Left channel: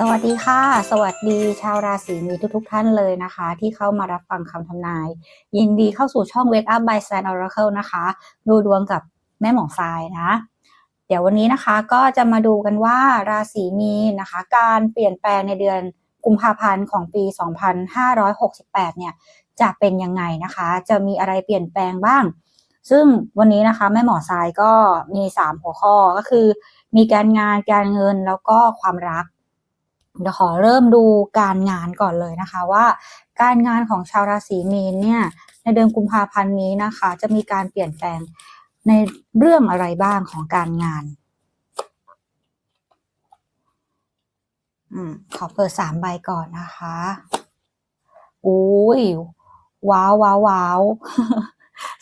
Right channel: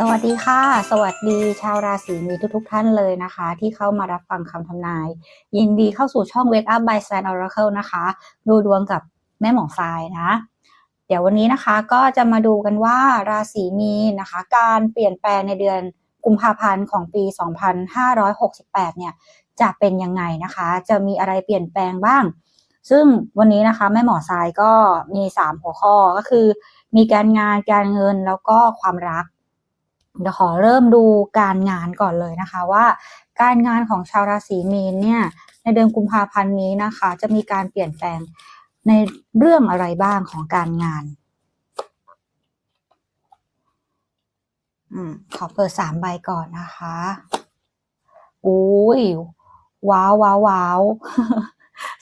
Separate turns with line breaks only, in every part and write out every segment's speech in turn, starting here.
สวัสดีค่ะ สวัสดีชาวราศีมีทุกๆท่านเลยนะคะ ที่เข้ามารับฟังคำทำนาย ยินดีเข้าสู่ช่อง Wake Up by s a n Oracle นะคะ ดูดวงกับแม่หมอทรายนะ เดี๋ยววันนี้นะคะก็จะมาดูกันว่าราศีมีนนะคะ การเปลี่ยนแปลงในเดือนกุมภาพันธ์ของปี 2568 เนี่ย จะเป็นยังไงนะคะ จะมีอะไรเปลี่ยนแปลงบ้าง ซึ่งวันนี้นะคะแม่หมอทรายก็มี 3 หัวข้อก็คือ มีการงานการเงินแล้วก็ความรัก เดี๋ยวขอเริ่มดูการงานก่อนเลยนะคะว่า การงานของชาวราศีมีนเนี่ยในเดือนกุมภาพันธ์นี้นะคะ จะมีการเปลี่ยนแปลงในเรื่องอะไรบ้างของการงานอืมขอเปิดสามใบก่อนนะคะอุ้ยว้าวว้าวว้าว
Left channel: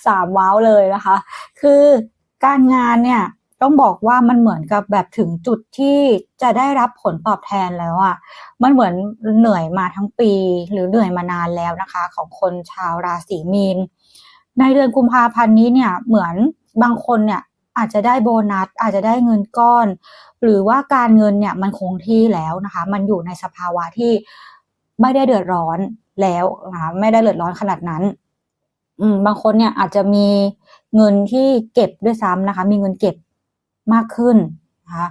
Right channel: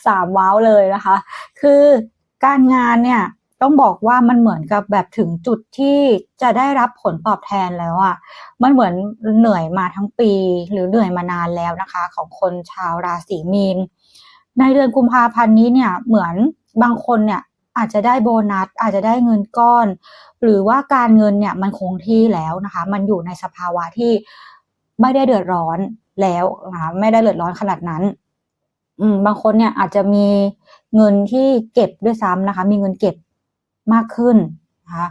สามว้าวเลยนะคะ คือการงานเนี่ย ต้องบอกว่ามันเหมือนกับแบบถึงจุดที่จะได้รับผลตอบแทนแล้วอะ่ะ มันเหมือนเหนื่อยมาทั้งปี หรือเหนื่อยมานานแล้วนะคะ ของคนชาวราศีมีน ในเดือนกุมภาพันธ์นี้เนี่ยเหมือนบางคนเนี่ยอาจจะได้โบนัสอาจจะได้เงินก้อน หรือว่าการเงินเนี่ยมันคงที่แล้วนะคะ มันอยู่ในสภาวะที่ไม่ได้เดือดร้อนแล้วนะคะไม่ได้เดือดร้อนขนาดนั้น อืมบางคนเนี่ยอาจจะมีเงินที่เก็บด้วยซ้ำนะคะ มีเงินเก็บ มากขึ้นนะคะ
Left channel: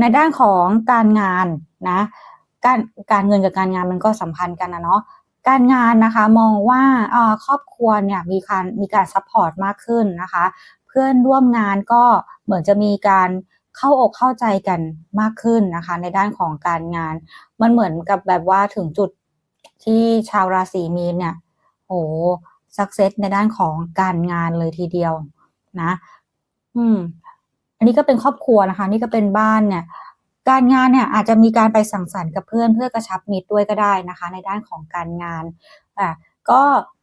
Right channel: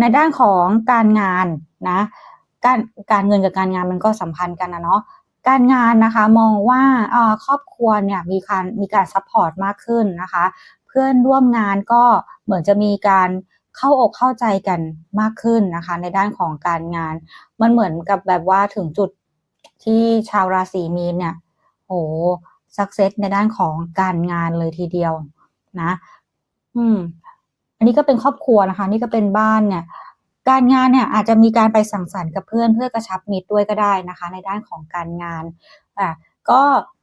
ในด้านของการงานนะการการเงินกับการงานมันก็สัมพันธ์กันนะเนาะการงานนะคะมองว่าครอบครัวเนี่ยมีการมีการซัพพอร์ตมากขึ้นนะคะ เพื่อนร่วมงานก็เหมือนจะมีการเข้าอกเข้าใจกันมากขึ้นนะคะ ในด้านของการงานมันเหมือนกับแบบว่าถึงจุดที่ชาวราศีมีนเนี่ยโอ้สักเซสในด้านของการงานเลยทีเดียวนะ อืม อันนี้ก็เป็นครอบครัวนะคะ นี่ก็เป็นบ้านเนี่ยการงานเนี่ยอาจจะมีการไปสังสรรค์กับเพื่อนเพื่อกระชับมิตรด้วยก็ได้นะคะ ในด้านของการงานอะก็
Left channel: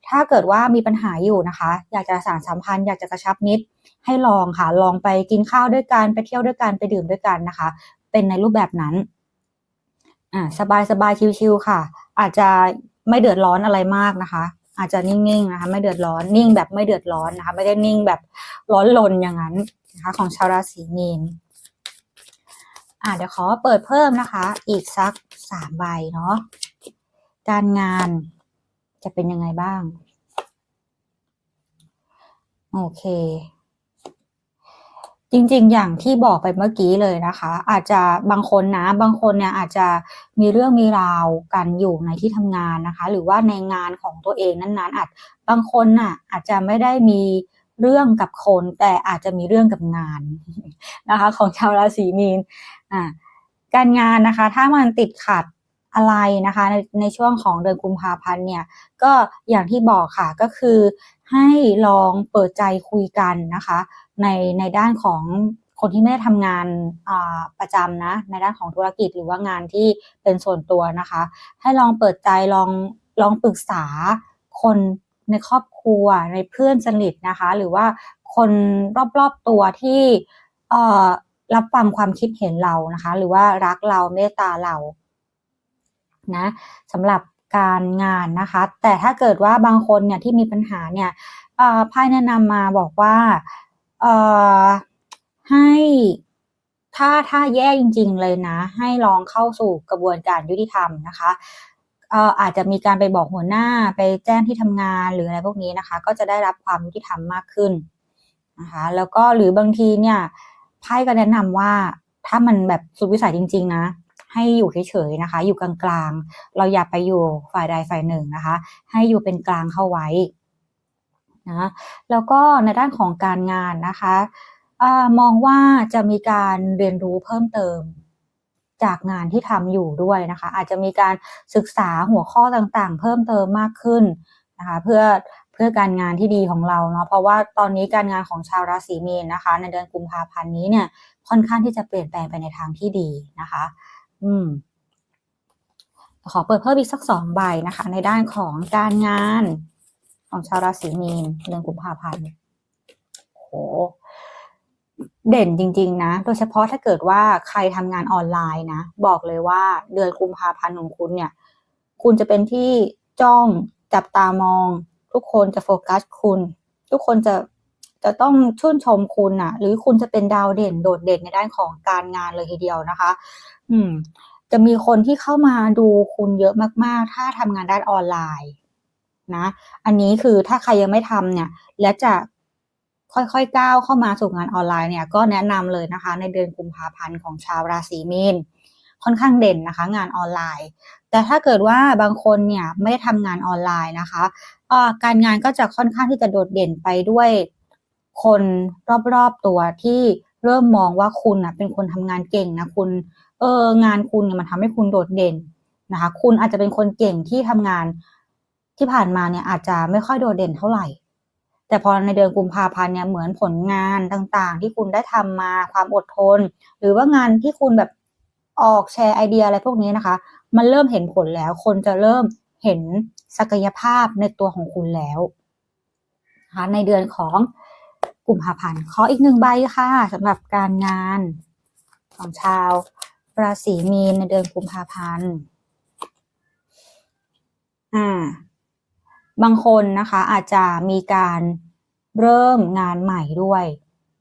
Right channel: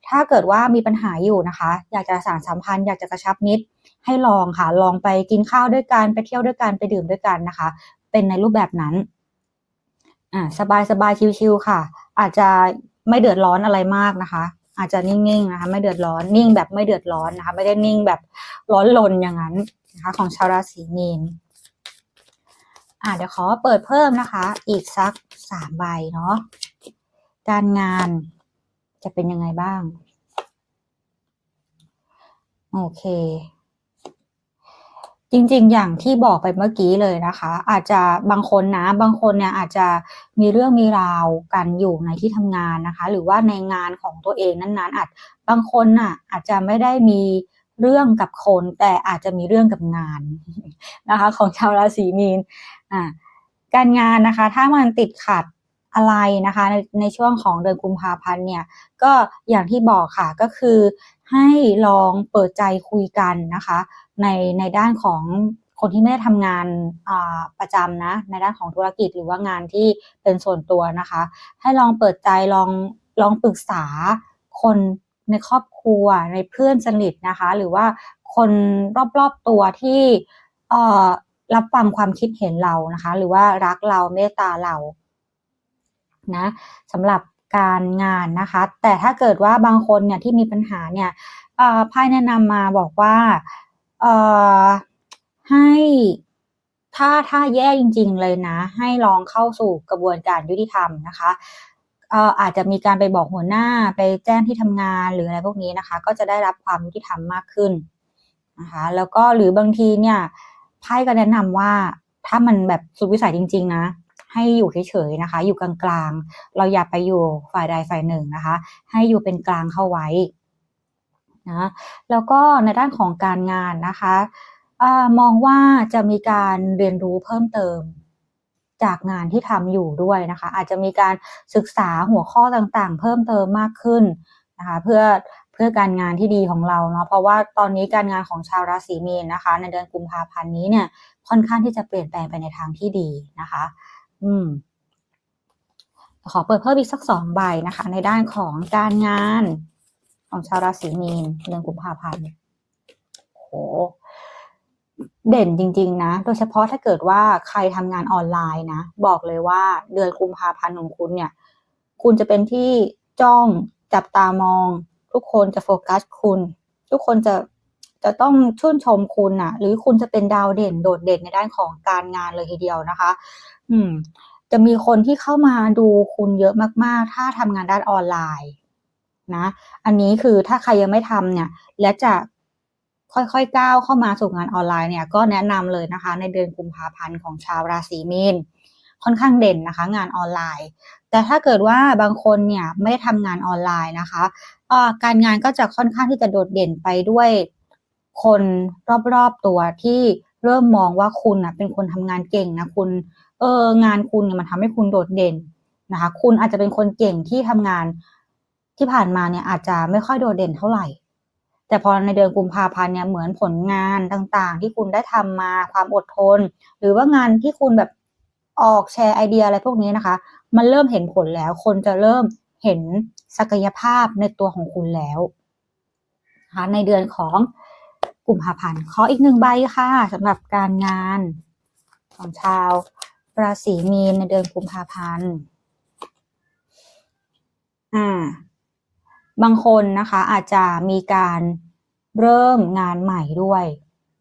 ถ้าเกิดว่ามีปัญหาอยู่นะคะ อยากจะสานสัมพันธ์อยากจะกระชับมิตรให้ลองค่ะ ลองไปกินข้าวด้วยกันไปเที่ยวด้วยกันไปดื่มด้วยกันนะคะ เป็นในรูปแบบนั้นอ่าสบายสบายชิวๆค่ะ อาจจะไม่เดือดร้อนอะไรมากนะคะ อาจจะนิ่งๆนะคะ ไม่เดือดร้อนนิ่งแบบไม่เดือดร้อนนะคะ ไม่ได้นิ่งแบบร้อนลนอย่างนั้น นะคะของชาวราศีมีนอ่าเดี๋ยวขอเปิดเพิ่มนะคะ อีกสักสามใบเนาะการงานจะเป็นยังไงบ้าง โอเค จริงๆ อย่างที่บอกไปเมื่อกี้เลยนะคะ อาจจะบางคนนะ บางคนเนี่ยอาจจะมีเรื่องมีราวกันอยู่ในที่ทำงานนะคะ หรือว่าในงานของตัวเองนั้นๆอาจบางคนน่ะอาจจะไม่ได้มี เรื่องกับคนแต่อาจจะมีเรื่องกับงานนะคะของชาวราศีมีนอ่าการงานนะคะ ถ้ามันติดขัดอะไรนะคะในในช่วงของเดือนกุมภาพันธ์เนี่ยก็อย่างที่บอกค่ะก็คือให้ลองเปิดใจคุยกันนะคะในในด้านของคนที่ไม่ได้ทำงานประจำนะในด้านของธุรกิจหรือว่างานที่เป็นส่วนตัวนะคะ ให้ลองเปิดใจลองลองปรึกษาคน ในครอบครัวในเพื่อนสนิทนะคะ หรือว่าคนรอบๆตัวที่รับฟังความคิดเห็นเรานะคะ หรือว่ารักเราเมตตาเรานะสำหรับการงานนะคะ แต่ถ้าเกิดว่าบางคนเนี่ยที่มีปัญหาเนี่ยไพ่แนะนำมาบอกว่าให้ถ้าถ้าแย่จริง ๆ เลยนะ ให้ลองเข้าสู่กระบวนการยุติธรรมนะคะ อาจจะมีการไปบอกหัวหน้าไปแจ้งที่ทำงานหรืออะไรพวกนี้นะคะ ก็จะได้รับความยุติธรรมมากขึ้นนะคะแล้วก็หรือบางทีเนี่ยไพ่ก็แนะนำว่าถ้ามันแบบสุดวิสัยจริง ๆ นะ ให้อยู่เฉยๆนะคะ อยู่กลางๆ เราอย่าไปอยู่ฝ่ายใดฝ่ายหนึ่งนะคะ ให้อยู่เป็นกลางเข้าไว้นะแล้วก็ในด้านของการงานนะคะอมองว่าจะมีการเรียนรู้เพิ่มเติม จากงานที่ทำอยู่ด้วยนะคะ อาจจะมีการศึกษาหัวข้อต่างๆ เพิ่มเติมมากขึ้นนะคะเพื่อเพื่อการงานที่ดีของเราเนาะเพราะว่าตอนนี้การงานของชาวราศีมีนนะคะ ในเดือนกุมภาพันธ์นี้เนี่ยค่อนข้างที่จะเปลี่ยนแปลงไปในทางที่ดีนะคะ อืม ขอเปิดเพิ่มอีกสักสองใบนะคะ ในด้านของการงานของชาวราศีมีนเดือนกุมภาพันธ์โห เด่นจริง ๆ นะ โดยเฉพาะถ้าเกิดว่าใครทำงานออนไลน์นะ บอกเลยว่าเดือนกุมภาพันธ์ของคุณเนี่ย คุณจะเป็นที่จ้องจับตามอง ทุกคนจะโฟกัสคุณ ทุกคนจะจะต้องชื่นชมคุณนะหรือคุณจะเป็นดาวเด่นโดดเด่นในด้านของการงานเลยทีเดียวนะคะ อืมจจะมีคนที่เข้ามาดูคุณเยอะมาก ๆ ถ้าทำงานด้านออนไลน์นะ อันนี้คือถ้าใครยังไม่ทำเนี่ย และจะ ค่อยๆก้าวเข้ามาสู่งานออนไลน์เนี่ยก็แนะนำเลยนะคะ ในเดือนกุมภาพันธ์ของชาวราศีมีนค่อนข้างเด่นนะคะ งานออนไลน์ แต่ถ้าเกิดว่าบางคนเนี่ยไม่ได้ทำงานออนไลน์นะคะการงานก็จะค่อนข้างที่จะโดดเด่นไปด้วยคนรอบๆตัวที่เริ่มมองว่าคุณนะเป็นคนทำงานเก่งนะคุณเอองานคุณเนี่ยมันทำให้คุณโดดเด่นนะคะ คุณอาจจะเป็นคนเก่งที่ทำงานที่ผ่านมาเนี่ยอาจจะไม่ค่อยโดดเด่นเท่าไหร่ แต่พอในเดือนกุมภาพันธ์เนี่ยเหมือนผลงานต่างๆ ที่คุณได้ทำมาความอดทน หรือว่างานที่คุณแบบออกแชร์ไอเดียอะไรพวกนี้นะคะ มันเริ่มเห็นผลแล้ว คนจะเริ่มเห็นศักยภาพในตัวของคุณแล้วนะคะในเดือนของกุมภาพันธ์ขออีกหนึ่งใบค่ะสำหรับการงานของชาวราศีมีนในเดือนกุมภาพันธ์อ่า บางคนนะคะอาจจะมีการเริ่มงานใหม่ด้วย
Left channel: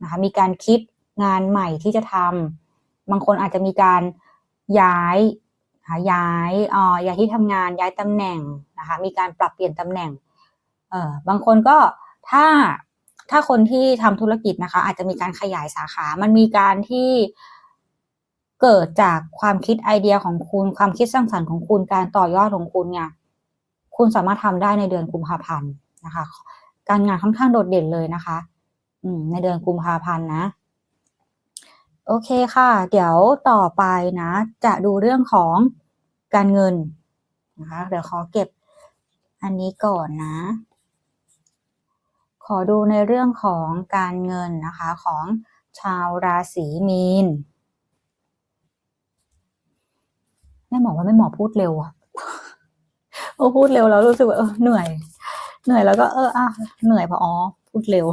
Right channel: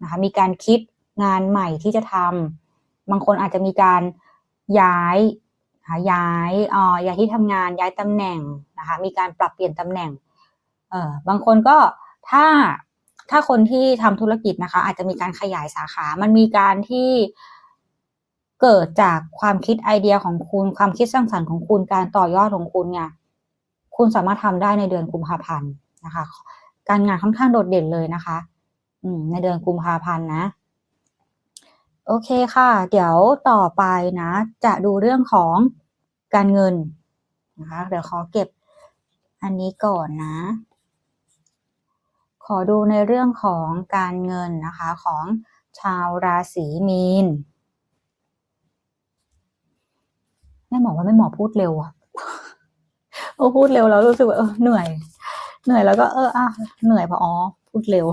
นะคะมีการคิดงานใหม่ที่จะทำบางคนอาจจะมีการย้ายนะคะย้ายอ่อย้ายที่ทำงานย้ายตำแหน่งนะคะมีการปรับเปลี่ยนตำแหน่งเอ่อบางคนก็ถ้าถ้าคนที่ทำธุรกิจนะคะอาจจะมีการขยายสาขา มันมีการที่เกิดจากความคิดไอเดียของคุณ ความคิดสร้างสรรค์ของคุณ การต่อยอดของคุณเนี่ย คุณสามารถทำได้ในเดือนกุมภาพันธ์นะคะ การงานค่อนข้างโดดเด่นเลยนะคะ อืม ในเดือนกุมภาพันธ์นะ โอเคค่ะ เดี๋ยวต่อไปนะ จะดูเรื่องของการเงินนะคะ เดี๋ยวขอเก็บอันนี้ก่อนนะ ขอดูในเรื่องของการเงินนะคะของชาวราศีมีนแม่หมอว่าแม่หมอพูดเร็วอะ โอ้พูดเร็วแล้วรู้สึกว่าเออเหนื่อย เหนื่อยแล้วก็เอออะเหนื่อยเพราะอ๋อพูดเร็ว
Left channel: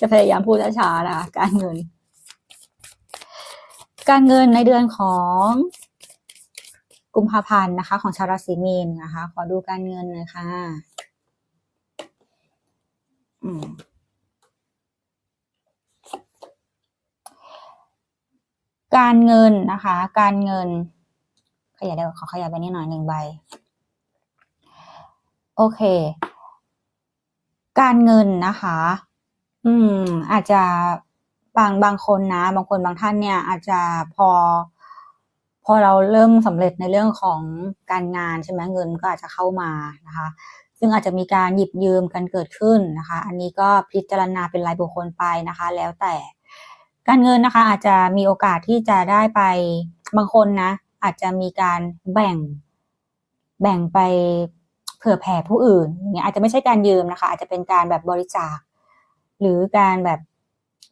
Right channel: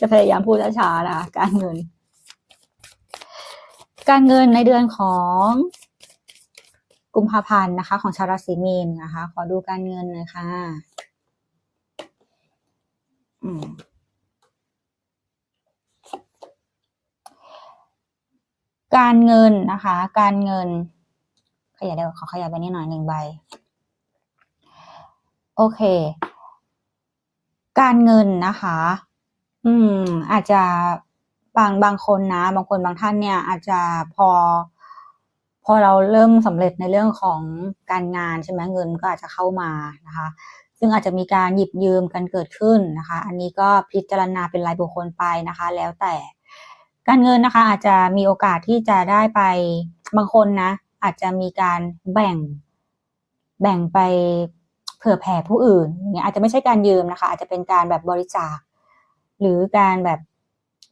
จะพยายามพูดช้าๆนะคะการเงิน การเงินในเดือนของกุมภาพันธ์นะคะ ของชาวราศีมีนนะคะ ขอดูการเงินหน่อยค่ะอืมการเงินนะคะ การเงิน ขยายได้ขอขยายไปนิดหน่อยหนึ่งใบ โอเค การเงินนะคะ อืม อาจจะบางบางคนนะ บางคนบางท่านเนี่ย อาจจะพอ พอเราเริ่มสำเร็จในเรื่องของการงานใช่ไหมเงินก็อาจจะเข้ามานะคะ ซึ่งอาจจะมีการหยิบยืมกันเกิดขึ้นนะคะ อันนี้ก็พิจารณาเป็นรายบุคคลไปนะคะ แล้วแต่ การเงินนะคะ อาจจะมีโอกาสที่จะได้ไปบางคนนะ อาจจะมีการแบ่ง แบ่งไป ผื่อแผ่ผู้อื่นอย่างเงี้ยอาจจะไม่ใช่การยืมนะคะ อาจจะเป็นการแบบบริจาค หรือการแบบ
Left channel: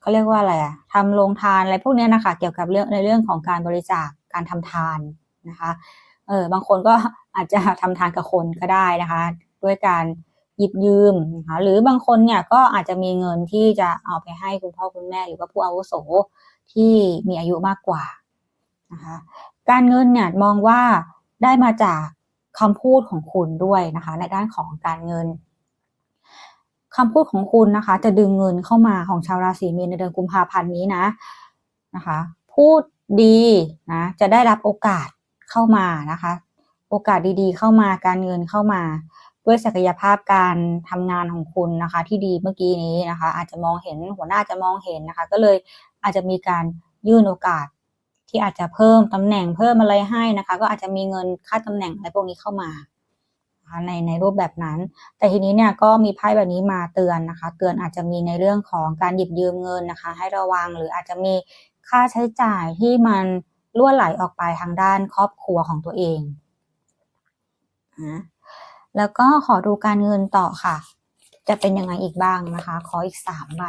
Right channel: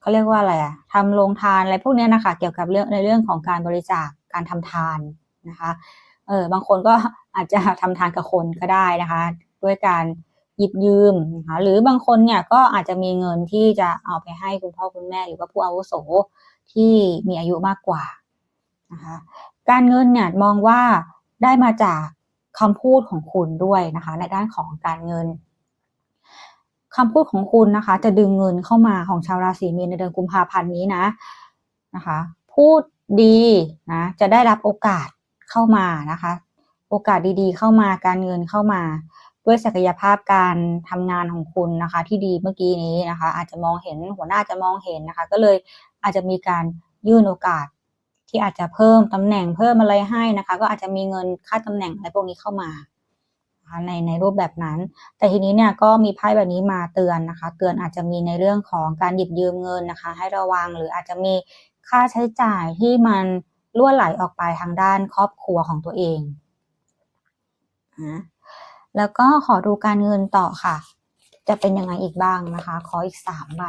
เขาเรียกว่าอะไรอะทำโรงทานอะไรพวกเนี้ยนะคะ เกี่ยวกับเรื่องในเรื่องของการบริจาคการทำทานนะคะเออบางคนก็อาจจะทำทานกับคนก็ได้นะคะ ด้วยการหยิบยืมนะคะหรือบางคนเนี่ยก็อาจจะมีเงินที่จะเอาไปให้คุณพ่อคุณแม่ หรือว่าผู้อาวุโสที่มีอายุมากกว่านะคะการเงินเนี่ยมองว่าได้มาจาก คำพูดของคุณด้วยนะคะในด้านของการเงินคำพูดของคุณนะคะ จะดึงเงินเข้ามาของชาวราศีมีนในเดือนกุมภาพันธ์นี้นะนะคะ พูดดีนะจะได้รับโอกาสเข้ามานะคะ โอกาสดีๆ เข้ามาการเงินเข้ามา ด้วยศักยภาพการทำงานของคุณนะคะ ที่ดีเมื่อกี้นี้นะคะ อาจจะมองเห็นหัวหน้าจะมองเห็นนะคะ ก็เลยอาจจะมีการยื่นโอกาส ที่อาจจะเพิ่มตำแหน่งเพิ่มอะไรให้นะคะ ก็อาจจะมีเงินค่าตำแหน่งอะไรพวกนี้เข้ามาในในรูปแบบนั้น แต่ทีนี้เนี่ยก็มีไพ่แบบนี้มาเตือนนะคะ เตือนอาจจะมีในเรื่องของการหยิบยืมเงินนะคะ ให้ระวังหรืออาจจะมีค่าใช้จ่ายที่มันล่วไหลออกไปทางด้านครอบครัวของตัวเองนะแล้วก็ขอดูการเงินต่อค่ะ จะเป็นยังไงอีกบ้างนะคะ ขออีกสามใบ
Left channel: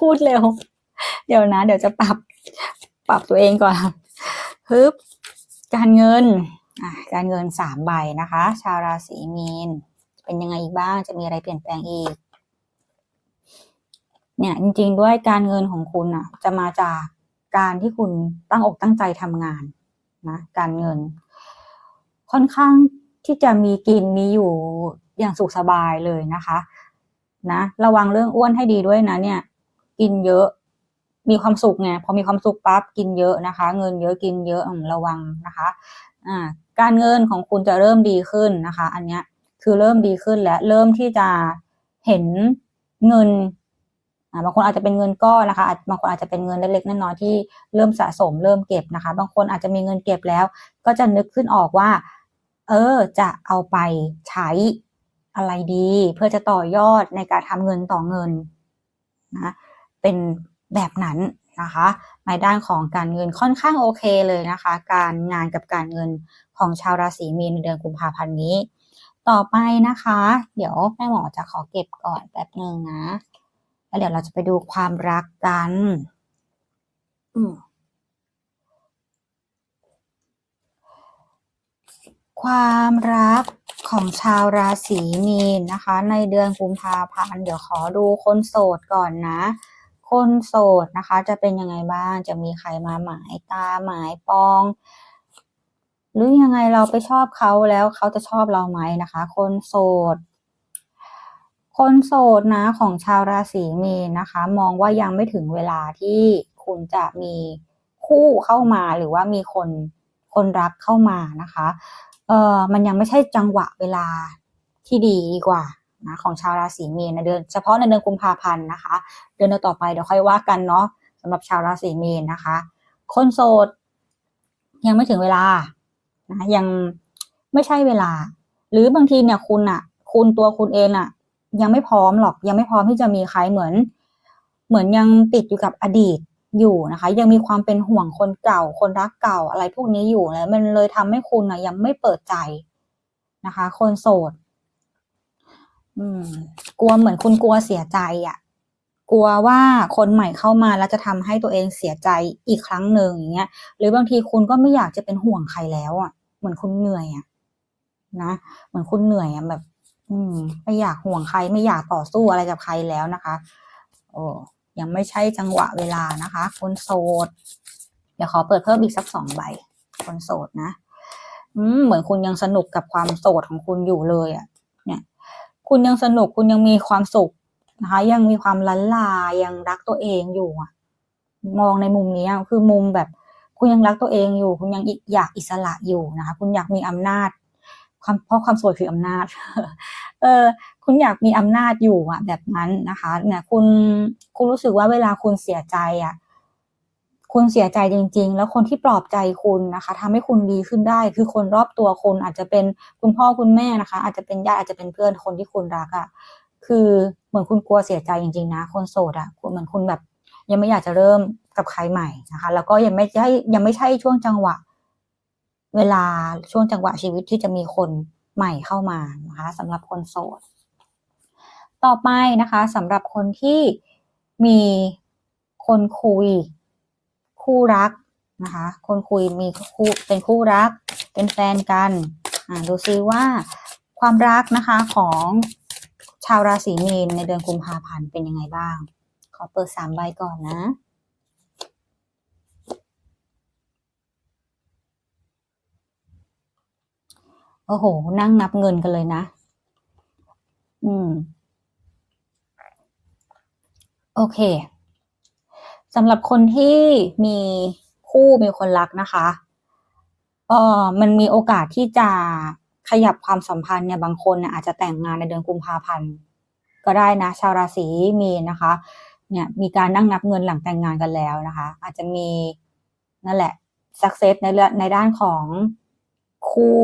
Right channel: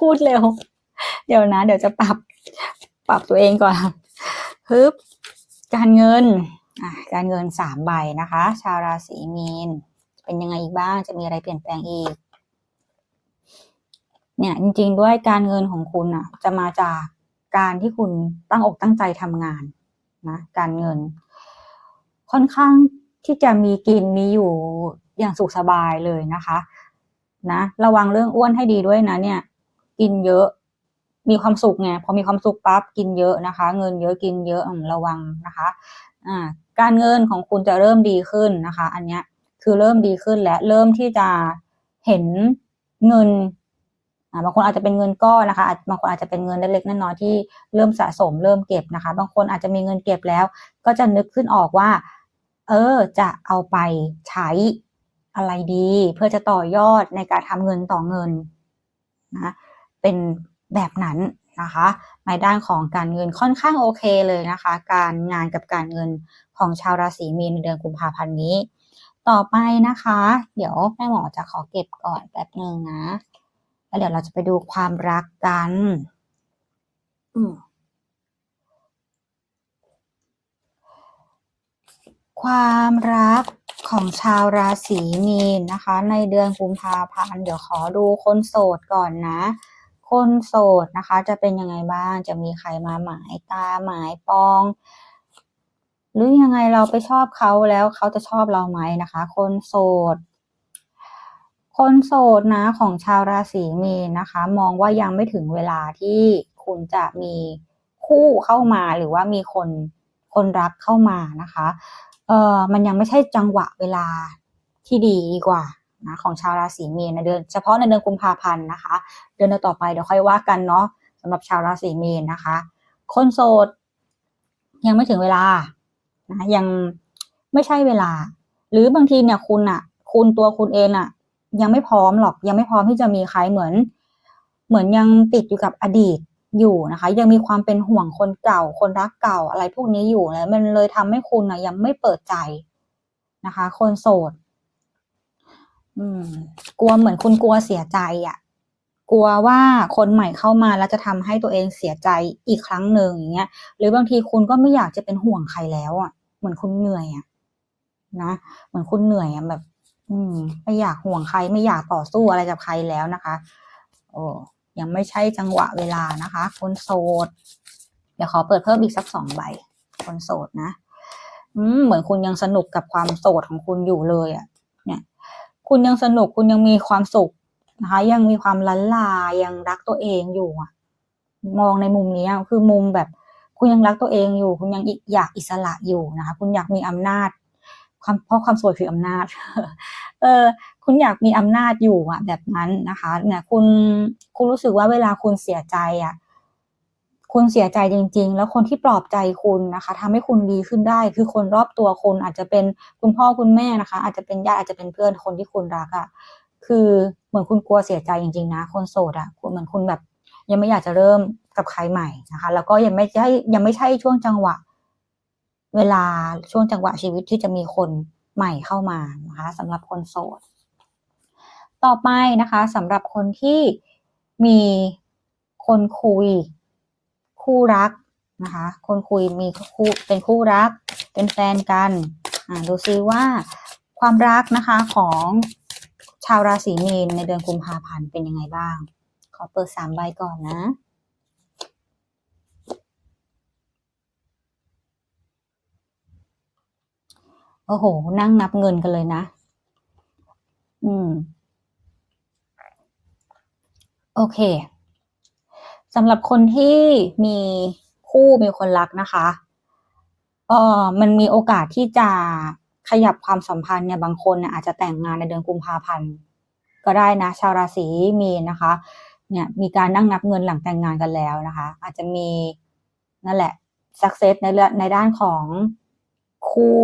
พูดเร็ว เดี๋ยวนะ เดี๋ยวจะปรับ ปรับตัวเองก่อนฮึบการเงินอะการเงินสามใบนะคะ ชาวราศีมีน เป็นยังไงอีกบ้าง จะมีอะไรเปลี่ยนแปลงอีก เนี่ยจริงๆด้วยการเงินของคุณอะ จะมาจากการที่คุณตั้งอกตั้งใจทำงานนะการเงิน ค่อนข้างที่จะมีกินมีอยู่อย่างสุขสบายเลยนะคะ นะ ระวังเรื่องอ้วนให้ดีด้วยนะเนี่ย กินเยอะ มีความสุขไงพอมีความสุขปั๊บกินเยอะนะคะ เงินเยอะกินเยอะระวังนะคะอ่าการเงินของคุณจะเริ่มดีขึ้นนะคะ อันเนี้ยคือเริ่มดีขึ้นและเริ่มที่จะเห็นเงินบางคนอาจจะเป็นเงินก้อนนะคะาบางคนอาจจะเป็นเงินเล็กๆน้อยๆที่เริ่มสะสมเริ่มเก็บนะคะ บางคนอาจจะมีเงินเก็บแล้ว ก็จะนึกขึ้นออกว่า เออจะเอาไปใช้อะไรดี เพื่อจะต่อยอดในการทำเงินต่อเงินนะเป็น แบบนั้นนะคะในด้านของการเงินค่อนข้างโอเคเลยนะคะ การงานกับการเงินของชาวราศีมีนในเดือนกุมภาพันธ์นี้ ต่อไปนะคะ เดี๋ยวแม่หมอจะขอเก็บก่อนแป๊บหนึ่งนะแล้วเดี๋ยวเราจะไปดูความรักกันความรักของชาวราศีมีนนะคะ ในเดือนกุมภาพันธ์เดี๋ยวขอดูคนโสดก่อนนะ คนโสดนะคะ จะเป็นยังไงบ้าง จะมีใครมาหมายตาหมายปอง หรือยังไงเราไปชอบเขาแล้วเขาจะชอบเราไหมนะคะ คนโสด คนโสดนะของชาวราศีมีนนะคะ มองว่ายังไม่ถึงเวลาที่คุณจะมีคู่เข้ามาหรือว่ามีคนคนรักเข้ามานะคะ เออมันยังไม่ใช่จังหวะเวลาที่ดีดีกว่า นะของชาวราศีมีนในเดือนเฉพาะในเดือนกุมภาพันธ์นะคะ เดือนต่อไปเดี๋ยวค่อยว่ากันเนาะสำหรับชาวราศีมีนนะคะ คนโสดยังไม่ถึงเวลานะยังไม่ใช่เวลา หรือบางทีเนี่ยคุณอะคุณตัวคุณเองอะยังไม่พร้อมหรอกยังไม่พร้อมที่จะมีใครเหมือน เหมือนยังติดอยู่กับอดีตอยู่นะคะ ยังมีความเป็นห่วงคนเก่า คนรักเก่าอะไรพวกนี้อยู่แล้วมันเลยทำให้คุณนะยังไม่เปิดใจนะคะ คนโสด อืม กลัวเหมือนคุณกลัวเสียใจอะ่ะ กลัวว่าคนใหม่เข้ามาแล้วจะทำให้ตัวเองเสียใจอีกครั้งหนึ่งอย่างเงี้ย หรือบางทีคุณก็ไม่อยากจะเป็นห่วงใครแล้วอะ เหมือนคุณเหนื่อยอะ นะเหมือนคุณเหนื่อยอะแบบ อืม ไม่อยากห่วงใคร ไม่อยากต่อสู้อะไรกับใครแล้วนะคะ โอ้ยังไม่ใช่จังหวะเวลานะคะ คนโสด เดี๋ยวขอเปิดเพิ่มอีกสักสองใบ คนโสดนะ อืม เหมือนคุณยังสนุกกับความโสดของคุณอยู่เลยอะเนี่ย คุณยังสนุกคุณยังมีความสุขนะคะ ยังมีความลันลายังรักตัวเองอยู่อะมองในมุมนี้คือมุมแบบ คุณยังรักตัวเองอยู่ คุณยังอยากอิสระอยู่นะคะ คุณอยากมีอำนาจความเพราะความโสดคืออำนาจ เออ คุณอยากมีอำนาจอยู่อะแบบนั้นนะคะ เนี่ย คุณคุณรู้สึกว่าเวลาคุณเสียใจอะ คุณเสียใจจริง ๆ แล้วคนที่ปลอบใจคุณนะคะทำให้คุณดีขึ้นได้ คือคนรอบตัวคุณอาจจะเป็นคุณพ่อคุณแม่นะคะ อาจจะเป็นญาติอาจจะเป็นเพื่อนคนที่คุณรักอะคือเหมือนคุณกลัวเสียใจจริง ๆ นะ คนโสดอะเหมือนคุณแบบ ยังไม่อยากจะเริ่มกับใครใหม่นะคะ แล้วก็ยังไม่ใช่ยังไม่ใช่ช่วงจังหวะ เวลาช่วงจังหวะชีวิตที่จะมีคนใหม่เข้ามานะคะสำหรับคนโสด ต่อไปนะคะสำหรับคนที่มีคนคุย คู่รักนะคะ คนคุยมีคู่เป็นคู่รัก เป็นแฟนกันอ่าดูซิว่าความรักนะคะของชาวราศีมีนในเดือนกุมภาพันธ์เป็นยังไงบ้าง ขอเปิดสามใบก่อนนะโอ้โห นั่งนับเงินกันเลยนะ อืม โอเค สำหรับคนที่มีคู่มีคนรักนะคะเออมันมีโอกาสที่จะขยับความสัมพันธ์เนี่ยบางคนเนี่ยอาจจะแต่งงานในเดือนกุมภาพันธ์ก็ได้นะ ชาวราศีมีนนะคะ เนี่ยมีการนั่งนับเงินหลังแต่งงานกันแล้วนะคะ อาจจะมีนั่นแหละ success ในเรื่องในด้านของคู่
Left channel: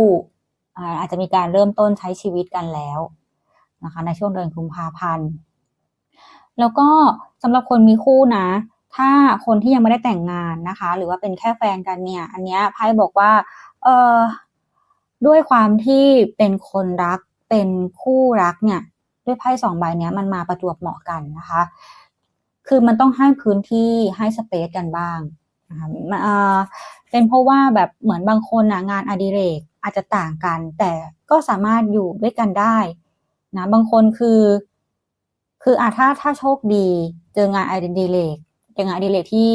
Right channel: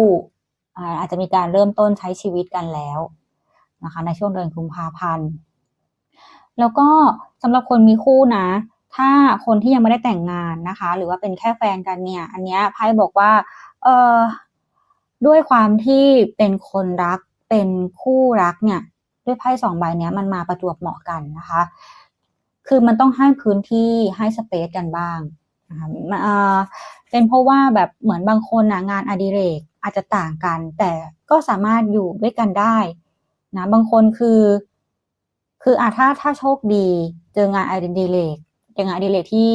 อาอาจจะมีการเริ่มต้นใช้ชีวิตกันแล้วนะคะ ในช่วงเดือนกุมภาพันธ์ แล้วก็สำหรับคนมีคู่นะ ถ้าคนที่ยังไม่ได้แต่งงานนะคะ หรือว่าเป็นแค่แฟนกันเนี่ย อันเนี้ยไพ่บอกว่า เออด้วยความที่เป็นคนรักเป็นคู่รักเนี่ย ด้วยไพ่สองใบเนี้ยมันมาประจวบเหมาะกันนะคะ คือมันต้องให้พื้นที่ให้สเปซกันบ้างนะคะเออเป็นเพราะว่าแบบเหมือนบางคนนะงานอดิเรกอาจจะต่างกัน แต่ก็สามารถอยู่ด้วยกันได้นะบางคนคือ คืออะถ้าถ้าโชคดี เจองานอดิเรก องานอดิเรกที่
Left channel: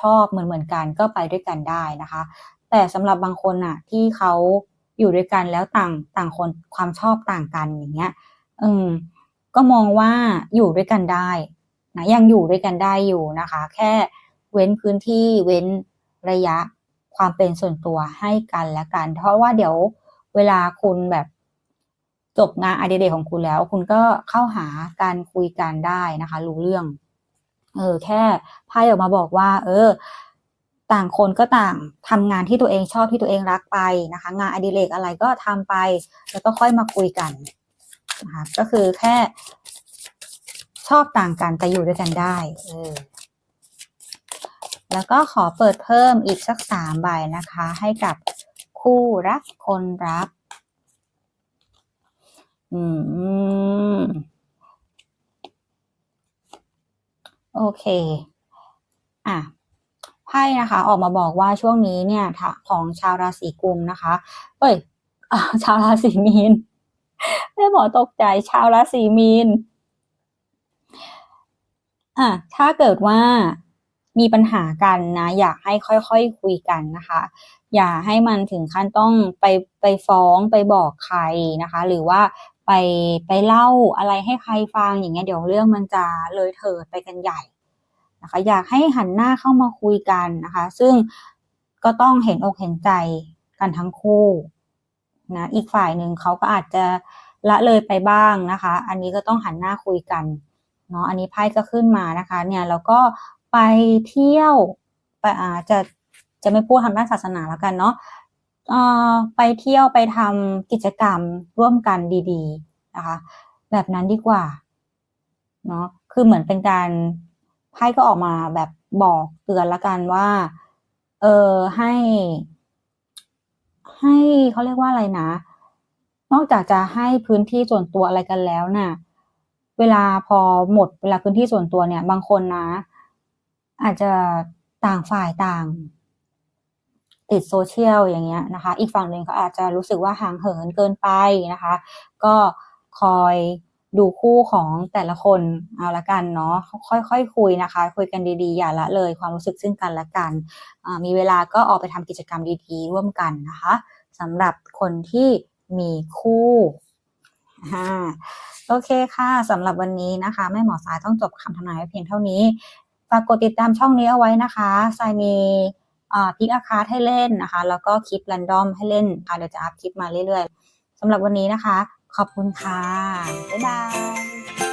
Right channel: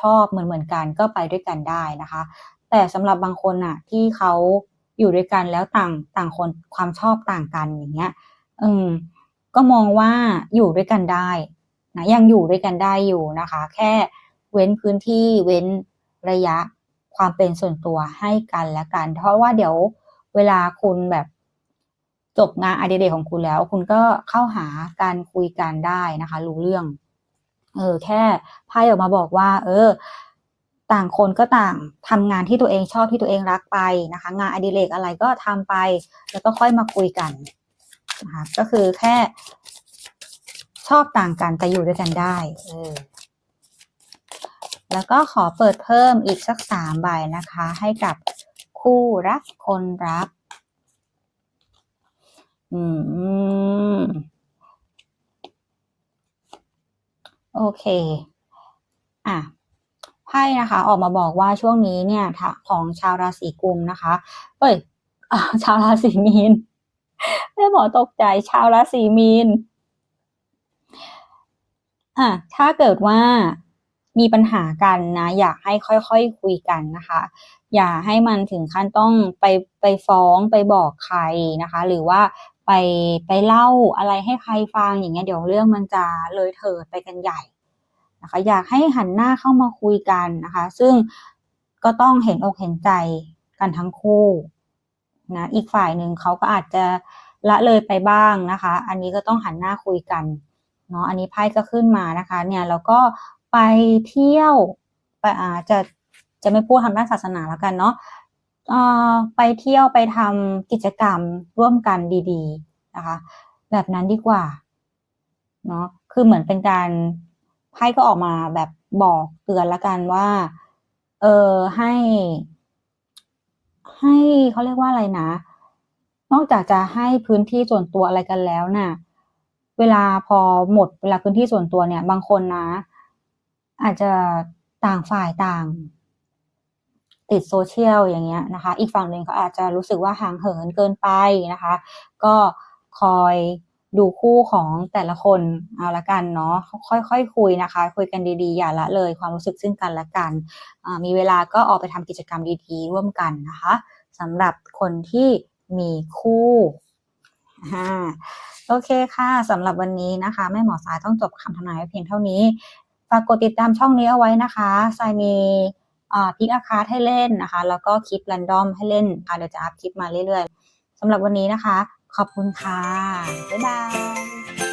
ชอบเหมือนเหมือนกันก็ไปด้วยกันได้นะคะ แต่สำหรับบางคนน่ะที่เขาอยู่ด้วยกันแล้วต่างต่างคนความชอบต่างกันอย่างเงี้ยอืมก็มองว่าอยู่ด้วยกันได้นะยังอยู่ด้วยกันได้อยู่นะคะ แค่เว้นพื้นที่เว้นระยะความเป็นส่วนตัวให้กันและกัน เพราะว่าเดี๋ยวเวลาคุณแบบจบงานอดิเรกของคุณแล้ว คุณก็เข้าหาการคุยกันได้นะคะ รู้เรื่อง เออแค่ไพ่ออกมาบอกว่า เออ ต่างคนก็ต่างทำงานที่ตัวเองชอบที่ตัวเองรักไปนะคะ งานอดิเรกอะไรก็ทำไป แล้วก็ค่อยมาคุยกันนะคะก็คือแค่ชอบต่างกันแต่อยู่ด้วยกันได้เออแล้วก็ขอเปิดเพิ่มอีกสักสามใบนะคะ ให้กับคู่รักคนรัก อืม โอเค อะไพ่นะคะ ออกมาบอกว่าช่วงนี้เนี่ยถ้าของชาวราศีกุมนะคะเอ้ยอชาวราศีมีนไม่บอกตกใจชาวราศีมีนอะถ้าเกิดว่ามีปัญหากันนะ อยากให้ค่อยๆคคุยกันนะคะ อย่าให้มันถึงขั้นต้องไปไปฟ้องไปบอกใครนะคะ หรือว่า ไปไปเล่าอะไรให้ใครฟังอย่างเงี้ยเดี๋ยวเรื่องมันจะเลยเถิดไปกันใหญ่นะคะอยากให้หันหน้าเข้ามาคุยกันนะคะ ซึ่งก็ต้องเห็นอกเห็นใจกันทั้งคู่นะอีกฝ่ายหนึ่งเขาก็อาจจะละเลยไปบ้างนะคะ อันนี้ก็ต้องหันหน้าคุยกันเนาะอันนี้ไพ่ก็ขึ้นมานะคะเนี่ยแล้วก็ไปเที่ยวไปอาจะจะไม่พูดทางด้านศาสนาแล้วกันเนาะ ไปเที่ยวไปทำกิจกรรมร่วมกันดีๆนะคะ แบบนั้นดีกว่าเนาะคือเหมือนเป็นการไพ่ก็ออกมาแบบบอกเตือนละกันว่า เออให้ ให้เขาเรียกว่าอะไรนะ นอกจากจะให้พื้นที่ส่วนตัวอะไรกันแล้วน่ะ เวลาพอหมดเวลาพื้นที่ส่วนตัวเนี่ย บางคนนะ อาจจะต่างฝ่ายต่าง ติดโซเชียลอย่างเงี้ยนะคะ อีกฝั่งหนึ่งเขาอาจจะรู้สึกว่าห่างเหินเกินไปนะคะ ก็คอยดูคู่ของแต่ละคนเอาละกันเนาะค่อยๆคคุยนะคะ คุยกันดีๆ อย่าละเลยความรู้สึกซึ่งกันและกัน มีเวลาก็ออกไปทำกิจกรรมดีๆ ร่วมกันนะคะสำหรับคนที่มีคู่โอเคค่ะสำหรับวันนี้นะคะแม่หมอสายต้องจบคำทำนายเพียงเท่านี้ฝากกดติดตามช่องนี้เอาไว้นะคะสายมี พิกอาคาให้เล่นนะคะ แล้วก็คลิปรันดอมให้เล่นค่ะเดี๋ยวจะอัพคลิปมาเรื่อยๆสำหรับวันนี้นะคะ ขอบคุณค่ะ บ๊ายบาย